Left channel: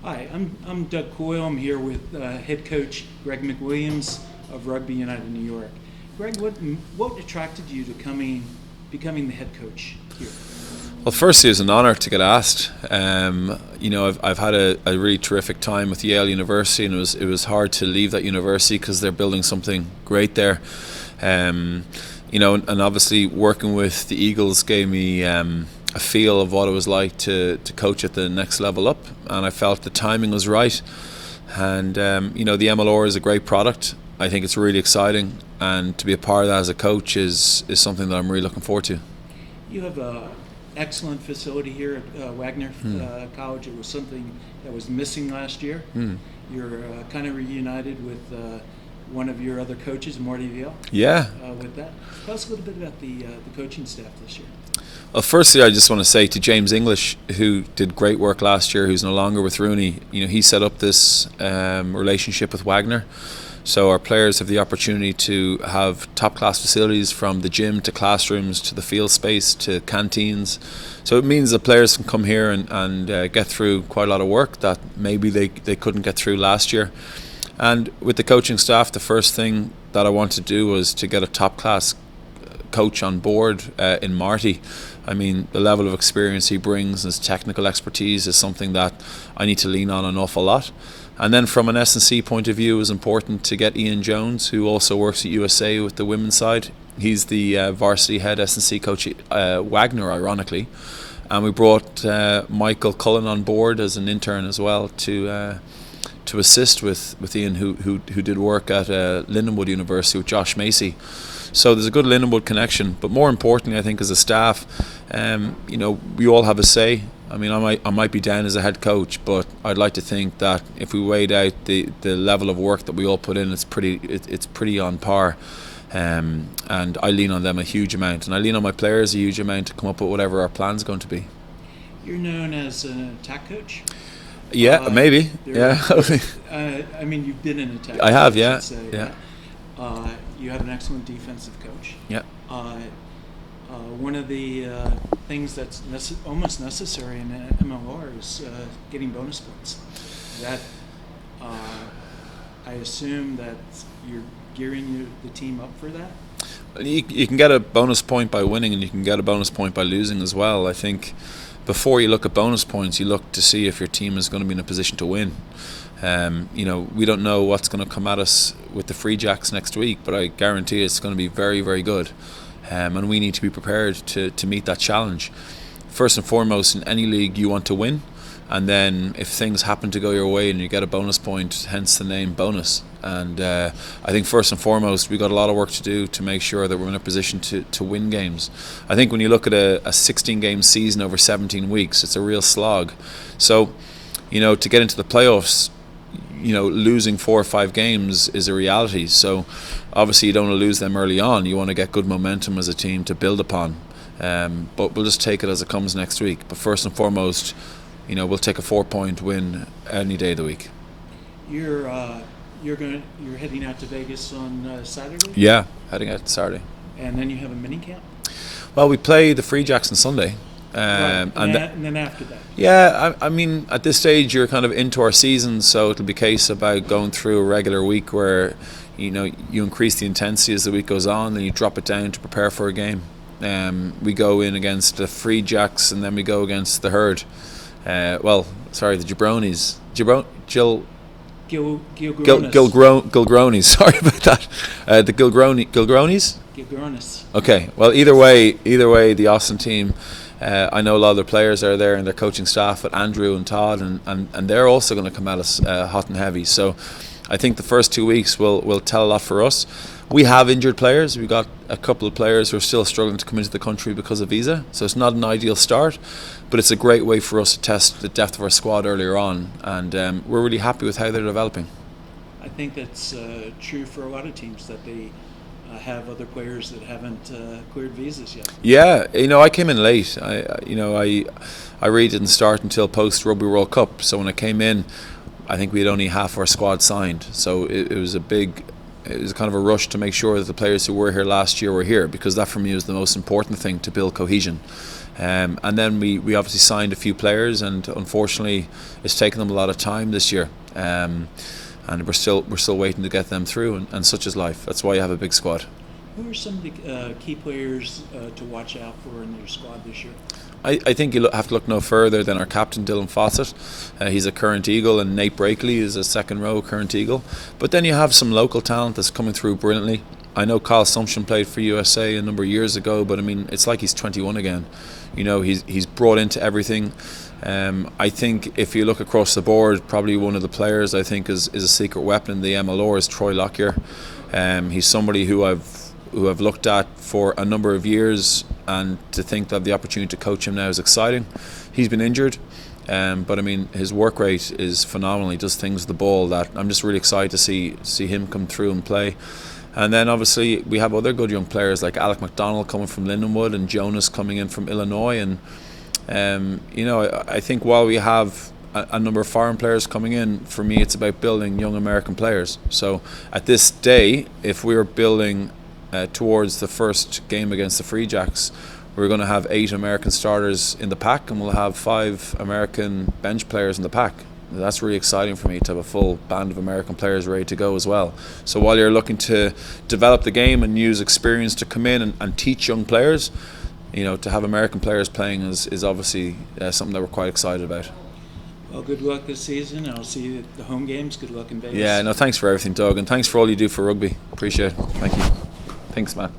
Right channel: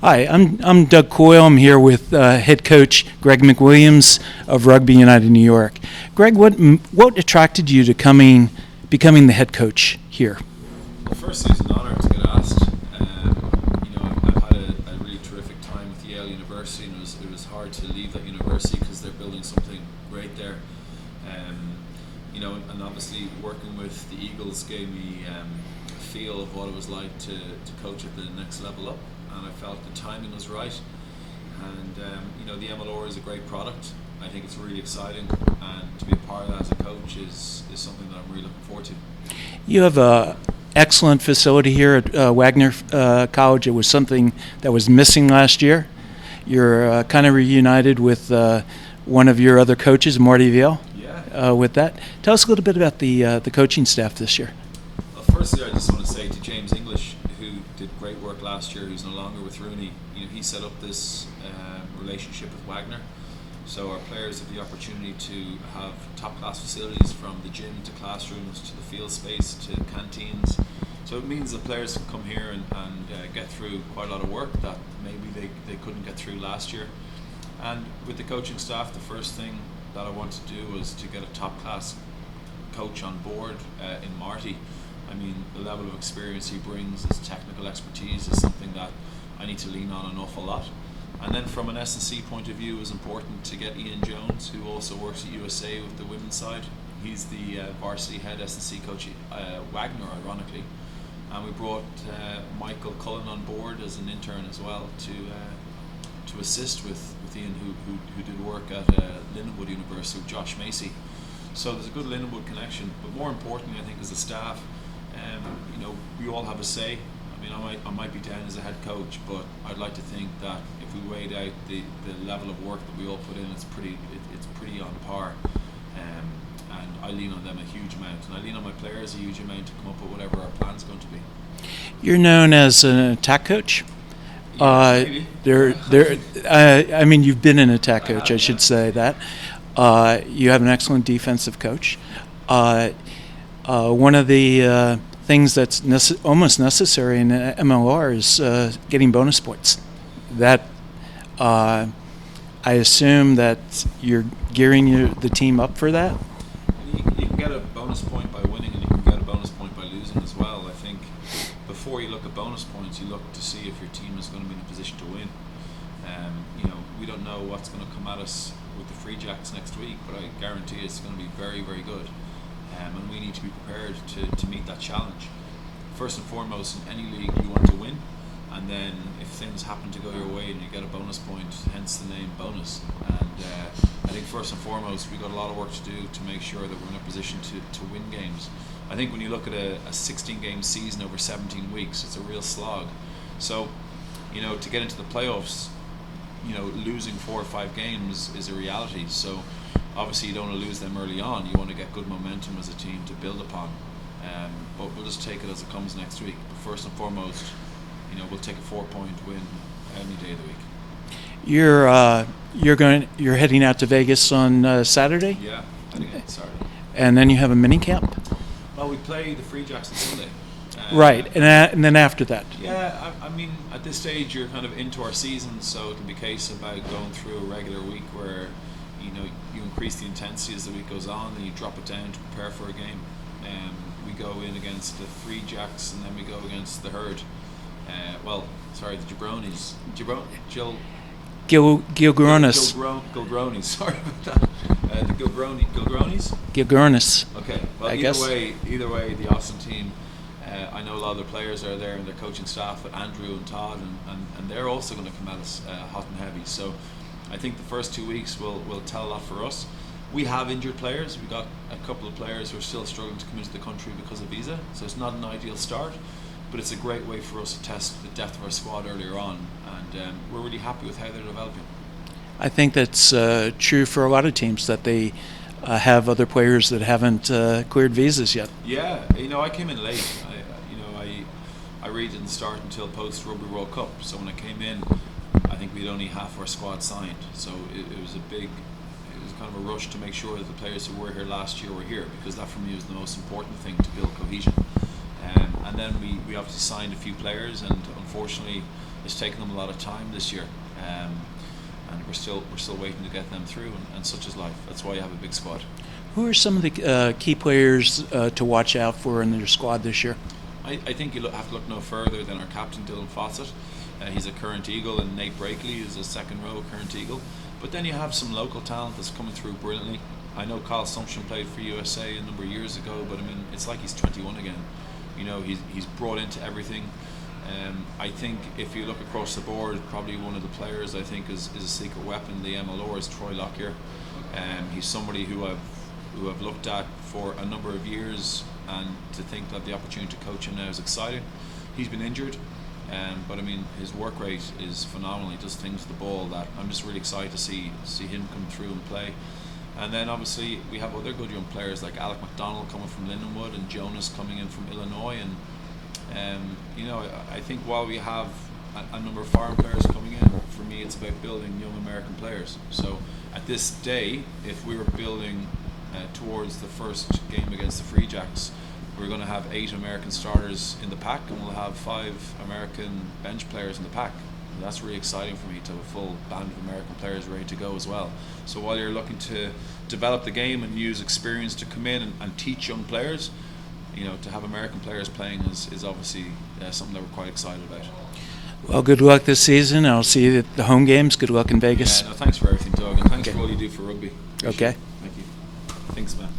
Hi, I'm Doug Coyle. I'm here with head coach Greg McWilliams of Rugby United New York. Greg, what attracted you to becoming the head coach here? Well, firstly, it's an honour to get asked. I've had a really terrific time with Yale University, and it was hard to leave that university because they're building something great there. And obviously working with the Eagles gave me a feel of what it was like to coach at the next level up, and I felt the timing was right. And the MLR is a great product. I think it's really exciting, and to be a part of that as a coach is something that I'm really looking forward to. You have a excellent facility here at Wagner College. It was something that was missing last year. You're kind of reunited with one of your other coaches, Marty Veal. Yeah. With that, tell us a little bit about the coaching staff this year. Well, firstly, I just want to say to James English, who did great work last year, who's no longer with Rooney. He set up this relationship with Wagner. So our players have the opportunity to have top-class facilities, from the gym to classrooms to the field space to canteens. So it means that players can come here and get through quite a lot of work that maybe they couldn't get through last year. And with the coaching staff, the first thing that I wanted to do was to get a top-class coach on board in Marty. I mean, the level of experience he brings and his technical expertise is something that I need to lean on an awful lot. And then from an S&C point of view, it was important to get Ian Jones, who also works at USA with the women's side. He's the varsity head S&C coach at Wagner, ironically. And we brought Michael Cullen on board as an intern as well to assist with Ian, who did work at Lindenwood University with Josh Macy. So there's a good Lindenwood connection. But more importantly, I think as a staff, we all have a say. I mean, I might be down as a head coach, but I'd like to think that if we weighed out the level of work that we all put in, it's pretty on par. And I lean on them a huge amount, and I lean on my players a huge amount to come up with whatever our plan's going to be. You're known as an attack coach. Yeah, maybe. I mean, you've been an attack coach. I should say that. You have an excellent defensive coach. Yeah. One of the things that's almost necessary in MLR is getting bonus points. That I assume that you're gearing the team up for that. You can get a bonus point by winning, and you can get a bonus point by losing as well. I think before you look at bonus points, you look to see if your team is going to be in a position to win. We don't know what's going to come at us with the Free Jacks next week, but I guarantee it's going to be very, very good. And we need to be prepared to meet that challenge. First and foremost, in any league, you want to win, and then if things happen to go your way and you get a bonus point, hence the name bonus. And I think first and foremost, we've got a lot of work to do to make sure that we're in a position to win games. I think when you look at a 16-game season over 17 weeks, it's a real slog. So, to get into the playoffs, losing 4 or 5 games is a reality. So obviously you don't want to lose them early on. You want to get good momentum as a team to build upon. But we'll just take it as it comes next week. But first and foremost, we'll take a 4-point win any day of the week. You're heading out to Vegas on Saturday? Yeah, heading out Saturday. And then you have a mini camp? Well, we play the Free Jacks on Sunday. Right, and then after that? Yeah, I mean, at this stage you're kind of into our season, so it'll be a case about going through a regular week where you increase the intensity as the week goes on, then you drop it down to prepare for a game. We go in against the Free Jacks, and then we go against the Herd. The Jabronis. Gilgronis. Gilgronis. Sorry about that. The Gilgronis. Gilgronis. Okay. Well, either way, the Austin team. I know a lot of their players are there and their coaching staff, but Andrew and Todd, and they're also going to come at us hot and heavy. So I think the first 2 weeks will tell a lot for us. We have injured players. We've got a couple of players who are still struggling to come into the country because of visa. So it's not an ideal start, but it's a great way for us to test the depth of our squad earlier on. And we're really happy with how they're developing. I think that's true for a lot of teams, that they have other players that haven't cleared visas yet. Yeah, I came in late. I really didn't start until post Rugby World Cup. So when I came in, I think we had only half our squad signed. So it was kind of a rush to make sure that the players who were here last year were here, because that for me was the most important thing to build cohesion. And then we obviously signed a few players, and unfortunately it's taken them a lot of time this year, and we're still waiting to get them through, and such is life. That's why you have a big squad. Who are some of the key players to watch out for in your squad this year? I think you have to look no further than our captain Dylan Fawcett. He's a current Eagle, and Nate Brakely is a second row current Eagle. But then you have some local talent that's coming through brilliantly. I know Kyle Sumption played for USA a number of years ago, but I mean, it's like he's 21 again. You know, he's brought into everything. I think if you look across the board, probably one of the players I think is a secret weapon in the MLR is Troy Lockyer. He's somebody who I've looked at for a number of years, and to think that the opportunity to coach him now is exciting. He's been injured, but I mean, his work rate is phenomenal. He does things with the ball that I'm just really excited to see him come through and play. And then obviously we have other good young players like Alec McDonald coming from Lindenwood, and Jonas coming in from Illinois. And you know, I think while we have a number of foreign players coming in, for me it's about building young American players. So at this day, if we are building towards the first game against the Free Jacks, we're going to have 8 American starters in the pack, and we'll have 5 American bench players in the pack. That's really exciting for me, to have a full band of American players ready to go as well. So while you're looking to develop the game and use experience to come in and teach young players, you know, to have American players playing is obviously something that we're quite excited about. Well, good luck this season. I'll see you at the home games. Good luck in Vegas. Yeah, no, thanks for everything, Doug, and thanks for all you do for rugby. Appreciate Okay. it. Thank you. Thanks, man.